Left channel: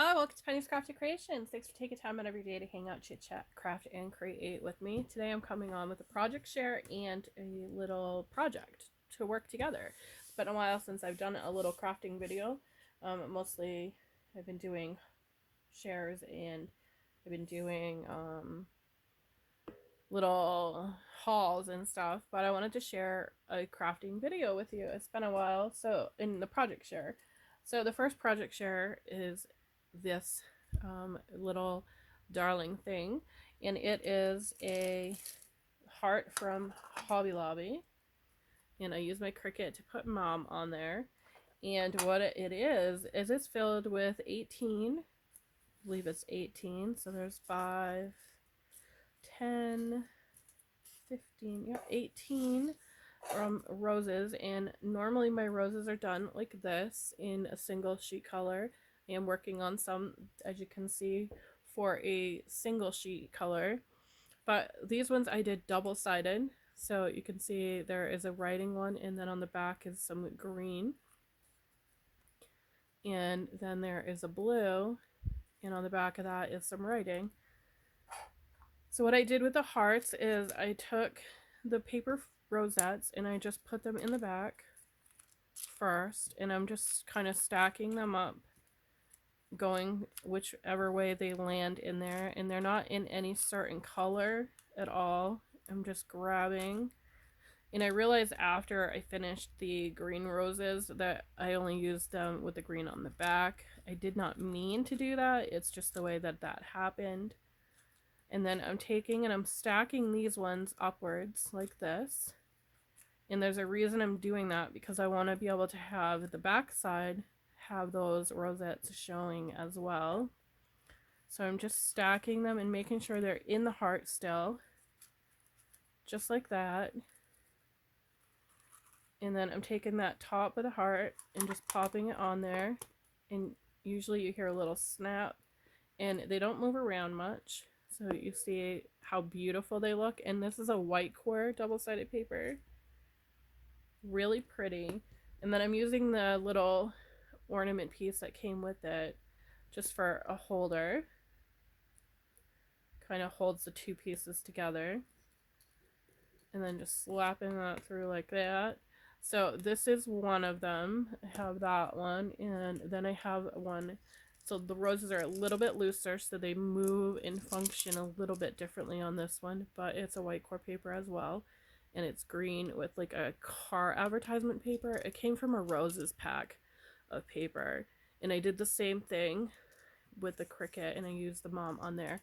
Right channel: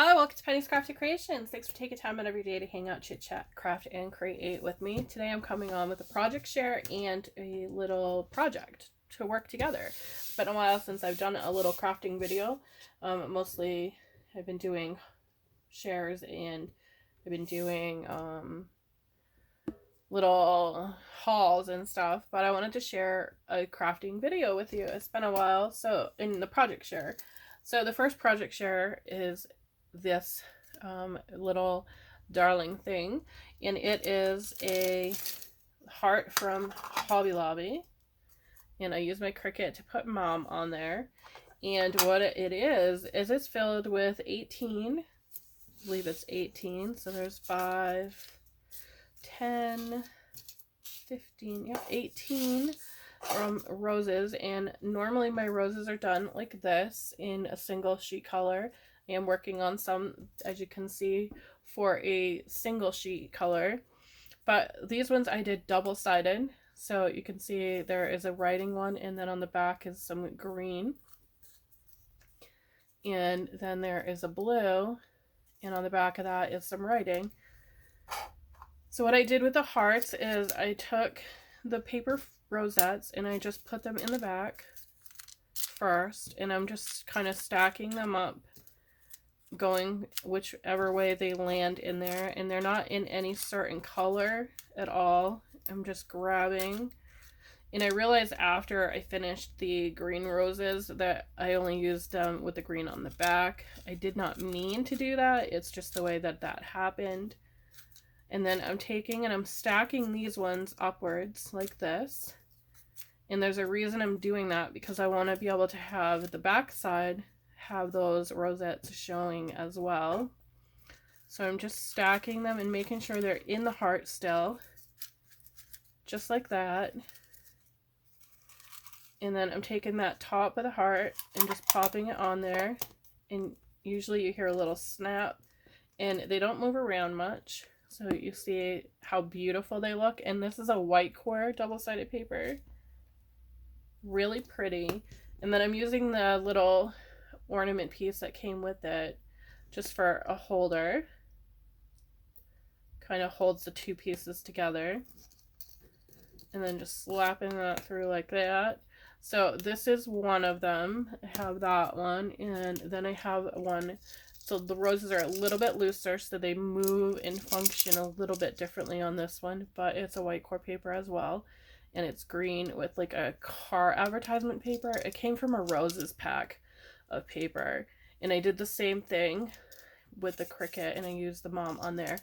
Hello, welcome to Penny's Crafty Creations. Thanks for taking time out of your day to hang out, chit chat, craft, and create with me. Today I'm coming on with a project share and a little project to work together. It's been a while since I've done a little crafting video. Mostly I've been doing shares and I've been doing little hauls and stuff, but I wanted to share a crafting video with you. It's been a while, so in the project share. So the first project share is this little darling thing, and it is a heart from Hobby Lobby, and I use my Cricut to put Mom on there. And what it is it's filled with 18, I believe it's 18, so there's 5, 10, 15, yeah, 18 roses. And normally my roses are done like this in a single sheet color. I am working on some, as you can see, for a single sheet color, but these ones I did double-sided, so you can see there is a writing one, and then on the back is some green, and then there is a blue, and on the back of that is some writing. So what I did with the hearts is I took the paper rosettes and I just put them in the back first, and I'm just kind of stacking them up, going whichever way they land in there, and they're not in any certain color at all. I'm just grabbing, and I realized after I finished the green roses that I only used them with the green on the back. I did not mean to do that, it's just the way that happened. And then I'm taking and I'm stacking these ones upwards like this, and there's a reason I'm doing that, because I want to be able to have the back side have those rosettes showing as well. So I'm just stacking them and making sure they're in the heart still, just like that. And then I'm taking that top of the heart and just popping it on there, and usually you hear a little snap, and they don't move around much, so you see how beautiful they look. And this is a white core double-sided paper, really pretty. And then I'm using the little ornament piece that came with it just for a holder, kind of holds the two pieces together, and then just slapping that through like that. So this is one of them. I have that one, and then I have one, so the roses are a little bit looser, so they move and function a little bit differently on this one, but it's a white core paper as well, and it's green with like a car advertisement paper. It came from a roses pack of paper, and I did the same thing with the Cricut, and I used the Mom on there.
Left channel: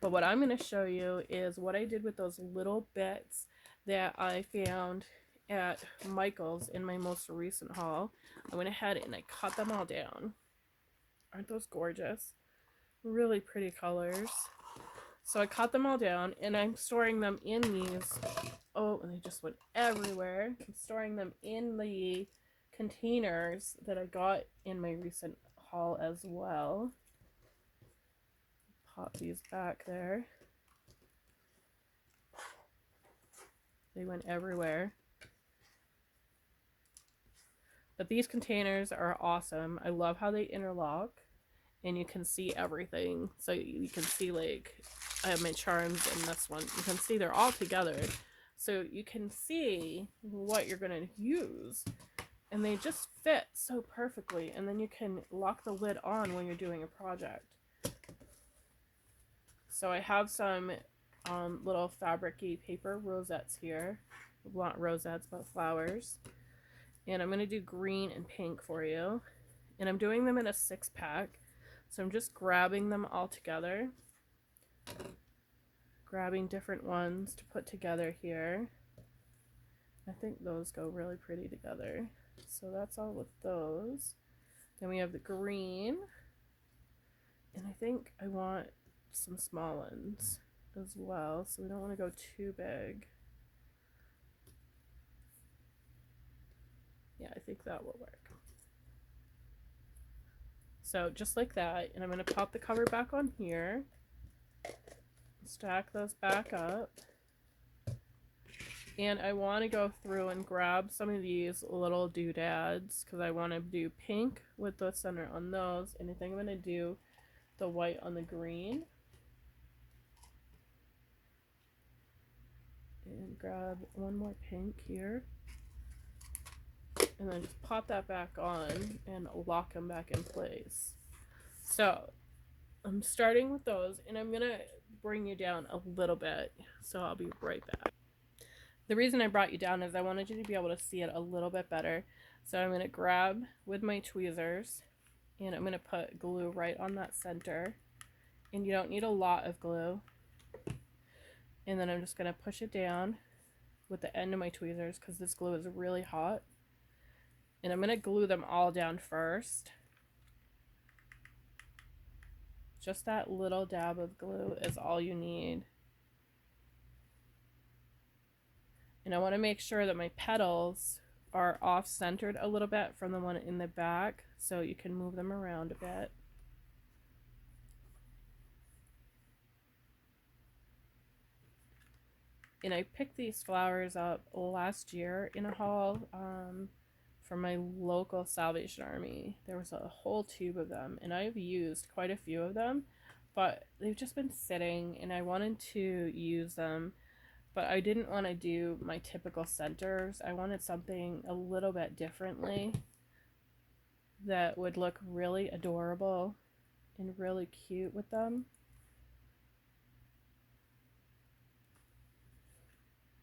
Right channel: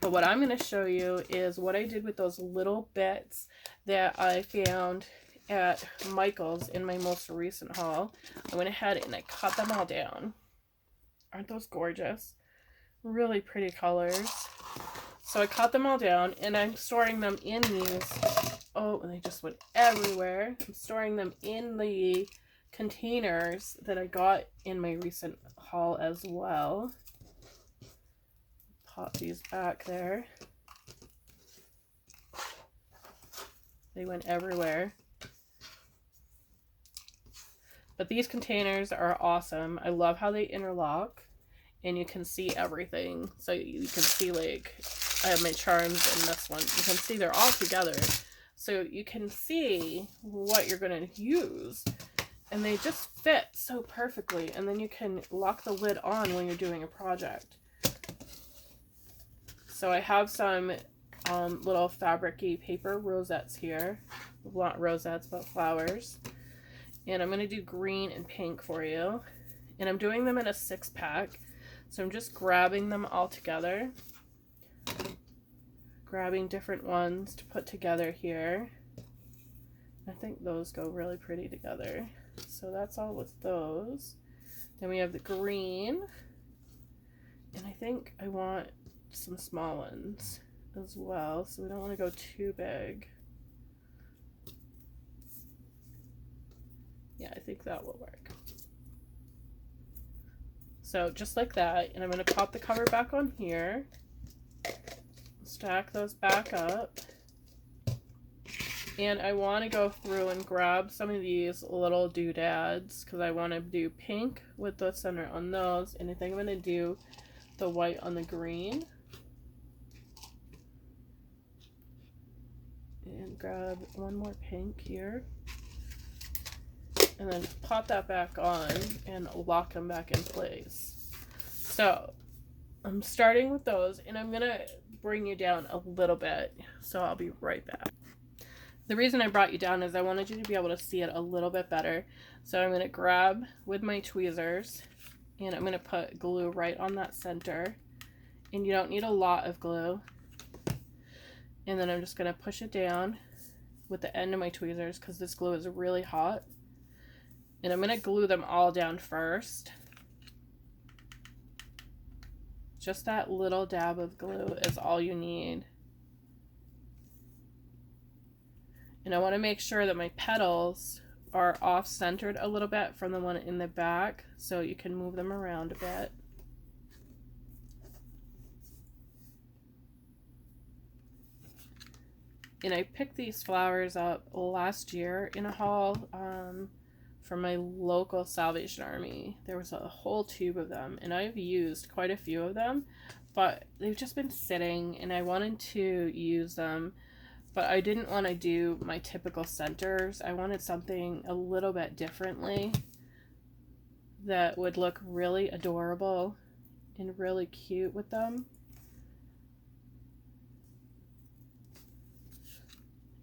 But what I'm going to show you is what I did with those little bits that I found at Michael's in my most recent haul. I went ahead and I cut them all down. Aren't those gorgeous? Really pretty colors. So I cut them all down, and I'm storing them in these, oh, and they just went everywhere. I'm storing them in the containers that I got in my recent haul as well. Pop these back there. They went everywhere. But these containers are awesome. I love how they interlock, and you can see everything. So you can see, like, I have my charms in this one. You can see they're all together, so you can see what you're going to use. And they just fit so perfectly, and then you can lock the lid on when you're doing a project. So I have some little fabric-y paper rosettes here. Not rosettes, but flowers. And I'm going to do green and pink for you. And I'm doing them in a 6-pack. So I'm just grabbing them all together. Grabbing different ones to put together here. I think those go really pretty together. So that's all with those. Then we have the green, and I think I want some small ones as well, so we don't want to go too big. Yeah, I think that will work. So just like that, and I'm going to pop the cover back on here, stack those back up, And I want to go through and grab some of these little doodads because I want to do pink with the center on those. And I think I'm going to do the white on the green. And grab one more pink here. And then just pop that back on and lock them back in place. So I'm starting with those, and I'm going to bring you down a little bit. So I'll be right back. The reason I brought you down is I wanted you to be able to see it a little bit better. So I'm going to grab with my tweezers and I'm going to put glue right on that center. And you don't need a lot of glue. And then I'm just going to push it down with the end of my tweezers because this glue is really hot. And I'm going to glue them all down first. Just that little dab of glue is all you need. And I want to make sure that my petals are off-centered a little bit from the one in the back, so you can move them around a bit. And I picked these flowers up last year in a haul from my local Salvation Army. There was a whole tube of them, and I've used quite a few of them, but they've just been sitting, and I wanted to use them. But I didn't want to do my typical centers. I wanted something a little bit differently that would look really adorable and really cute with them.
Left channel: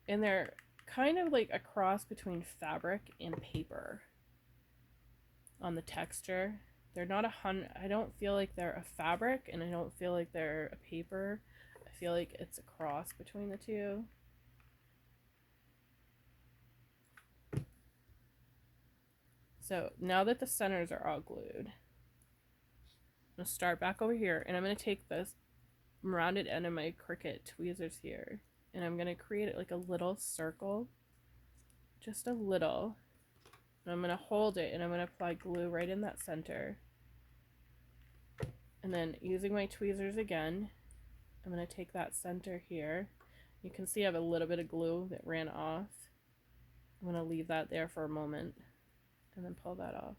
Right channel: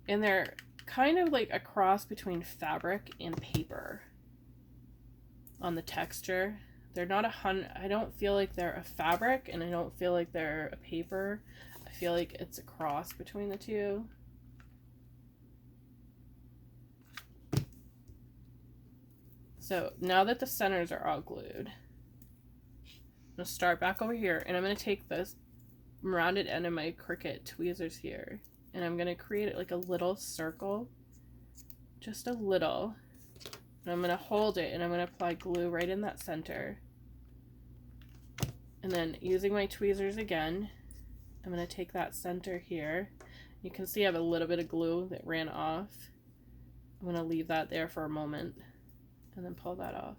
And they're kind of like a cross between fabric and paper on the texture. They're not I don't feel like they're a fabric, and I don't feel like they're a paper. I feel like it's a cross between the two. So now that the centers are all glued, I'm going to start back over here, and I'm going to take this rounded end of my Cricut tweezers here, and I'm going to create it like a little circle, just a little, and I'm going to hold it, and I'm going to apply glue right in that center. And then using my tweezers again, I'm going to take that center here. You can see I have a little bit of glue that ran off. I'm going to leave that there for a moment and then pull that off.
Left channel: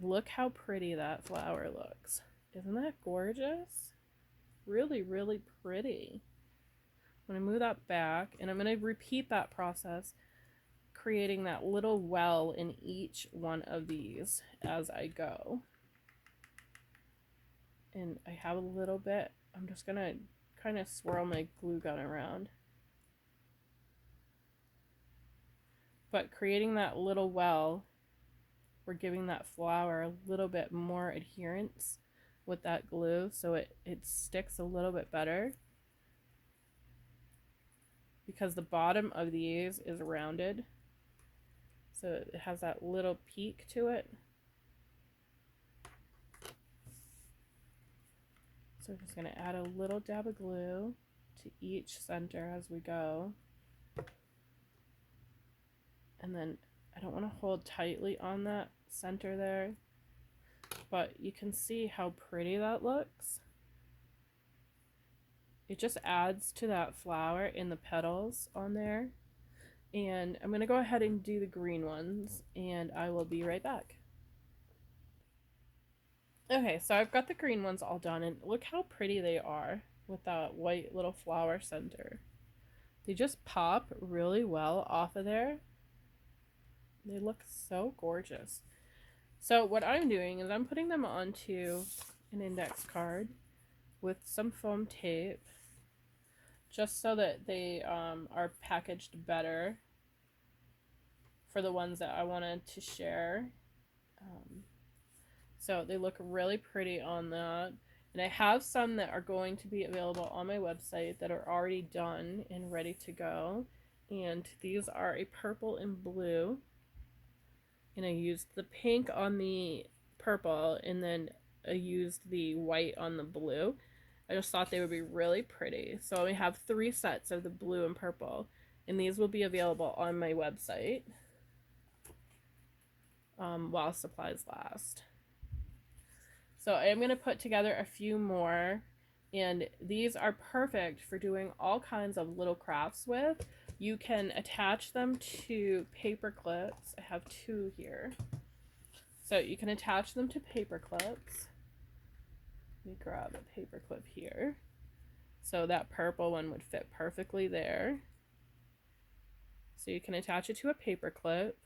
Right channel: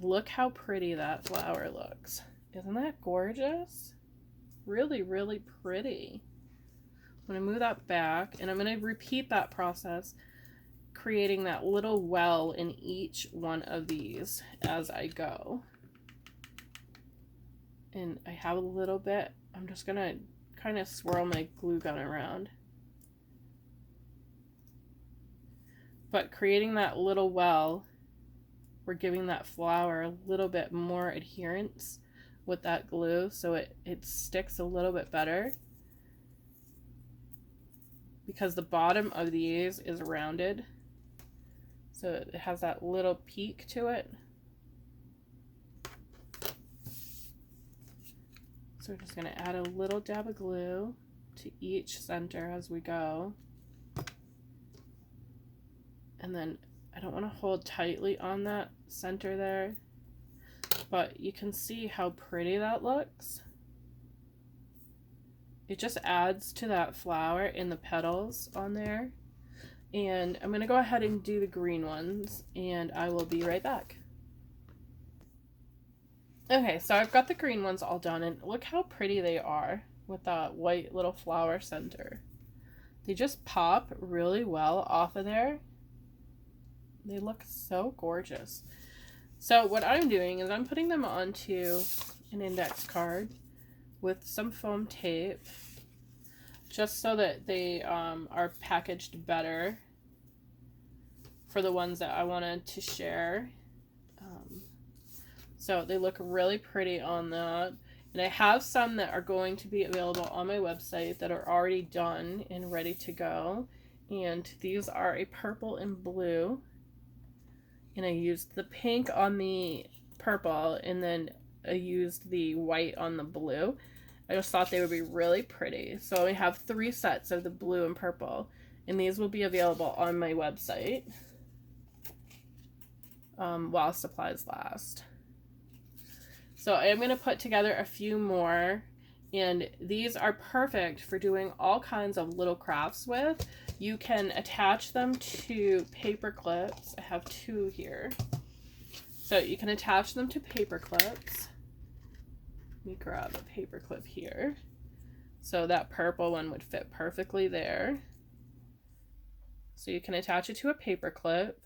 Look how pretty that flower looks. Isn't that gorgeous? Really, really pretty. I'm going to move that back, and I'm going to repeat that process, creating that little well in each one of these as I go. And I have a little bit, I'm just going to kind of swirl my glue gun around. But creating that little well, we're giving that flower a little bit more adherence with that glue so it sticks a little bit better. Because the bottom of these is rounded, so it has that little peak to it. So we're just going to add a little dab of glue to each center as we go. And then I don't want to hold tightly on that center there, but you can see how pretty that looks. It just adds to that flower in the petals on there. And I'm going to go ahead and do the green ones, and I will be right back. Okay, so I've got the green ones all done, and look how pretty they are with that white little flower center. They just pop really well off of there. They look so gorgeous. So what I'm doing is I'm putting them onto an index card with some foam tape, just so that they are packaged better for the ones that I wanted to share. So they look really pretty on that. And I have some that are going to be available on my website that are already done and ready to go. And these are a purple and blue. And I used the pink on the purple, and then I used the white on the blue. I just thought they would be really pretty. So I have 3 sets of the blue and purple, and these will be available on my website while supplies last. So I'm going to put together a few more, And these are perfect for doing all kinds of little crafts with. You can attach them to paper clips. I have 2 here. So you can attach them to paper clips. Let me grab a paper clip here. So that purple one would fit perfectly there. So you can attach it to a paper clip.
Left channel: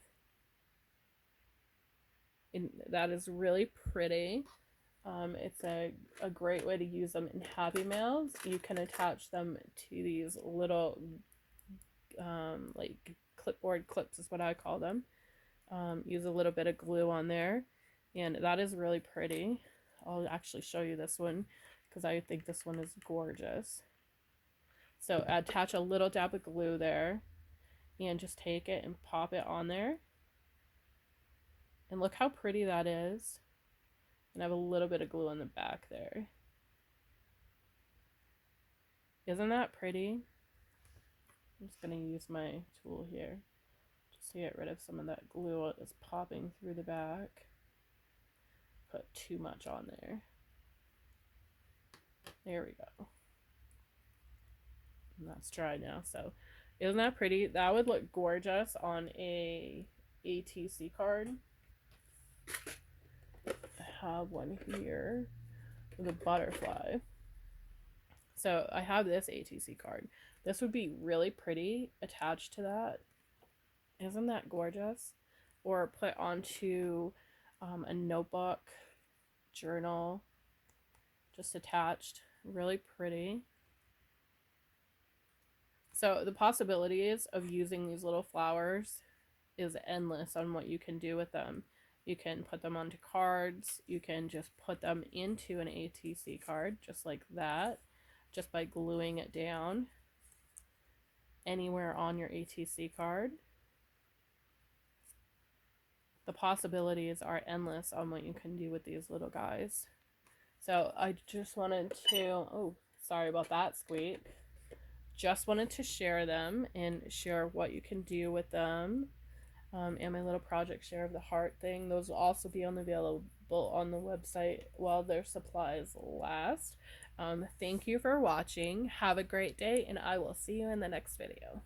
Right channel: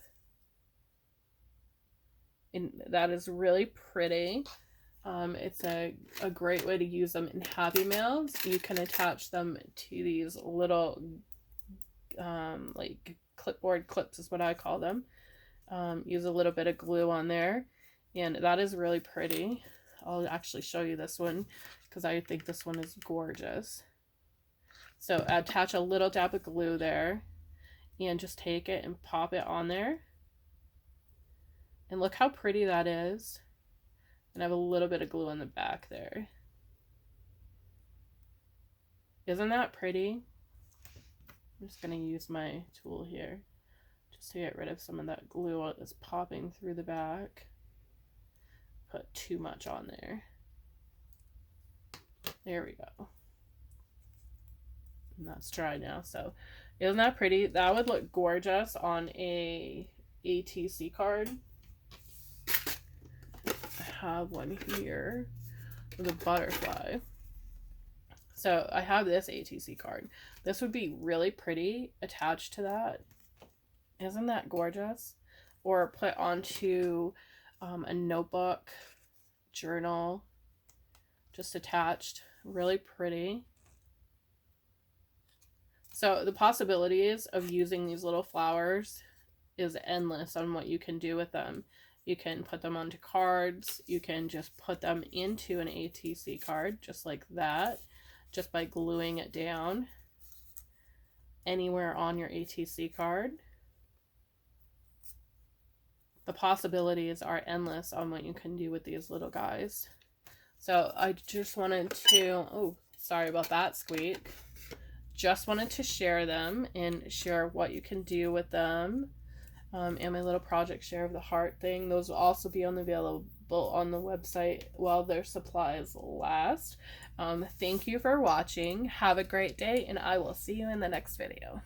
And that is really pretty. It's a great way to use them in Happy Mails. You can attach them to these little like clipboard clips is what I call them. Use a little bit of glue on there, and that is really pretty. I'll actually show you this one because I think this one is gorgeous. So attach a little dab of glue there and just take it and pop it on there. And look how pretty that is. And I have a little bit of glue on the back there. Isn't that pretty? I'm just going to use my tool here just to get rid of some of that glue that's popping through the back. Put too much on there. There we go. And that's dry now. So isn't that pretty? That would look gorgeous on a ATC card. I have one here with a butterfly. So I have this ATC card. This would be really pretty attached to that. Isn't that gorgeous? Or put onto a notebook, journal, just attached. Really pretty. So the possibilities of using these little flowers is endless on what you can do with them. You can put them onto cards. You can just put them into an ATC card just like that, just by gluing it down anywhere on your ATC card. The possibilities are endless on what you can do with these little guys. So I just wanted to, oh, sorry about that squeak. Just wanted to share them and share what you can do with them. And my little project share of the heart thing. Those will also be available on the website while their supplies last. Thank you for watching. Have a great day, and I will see you in the next video.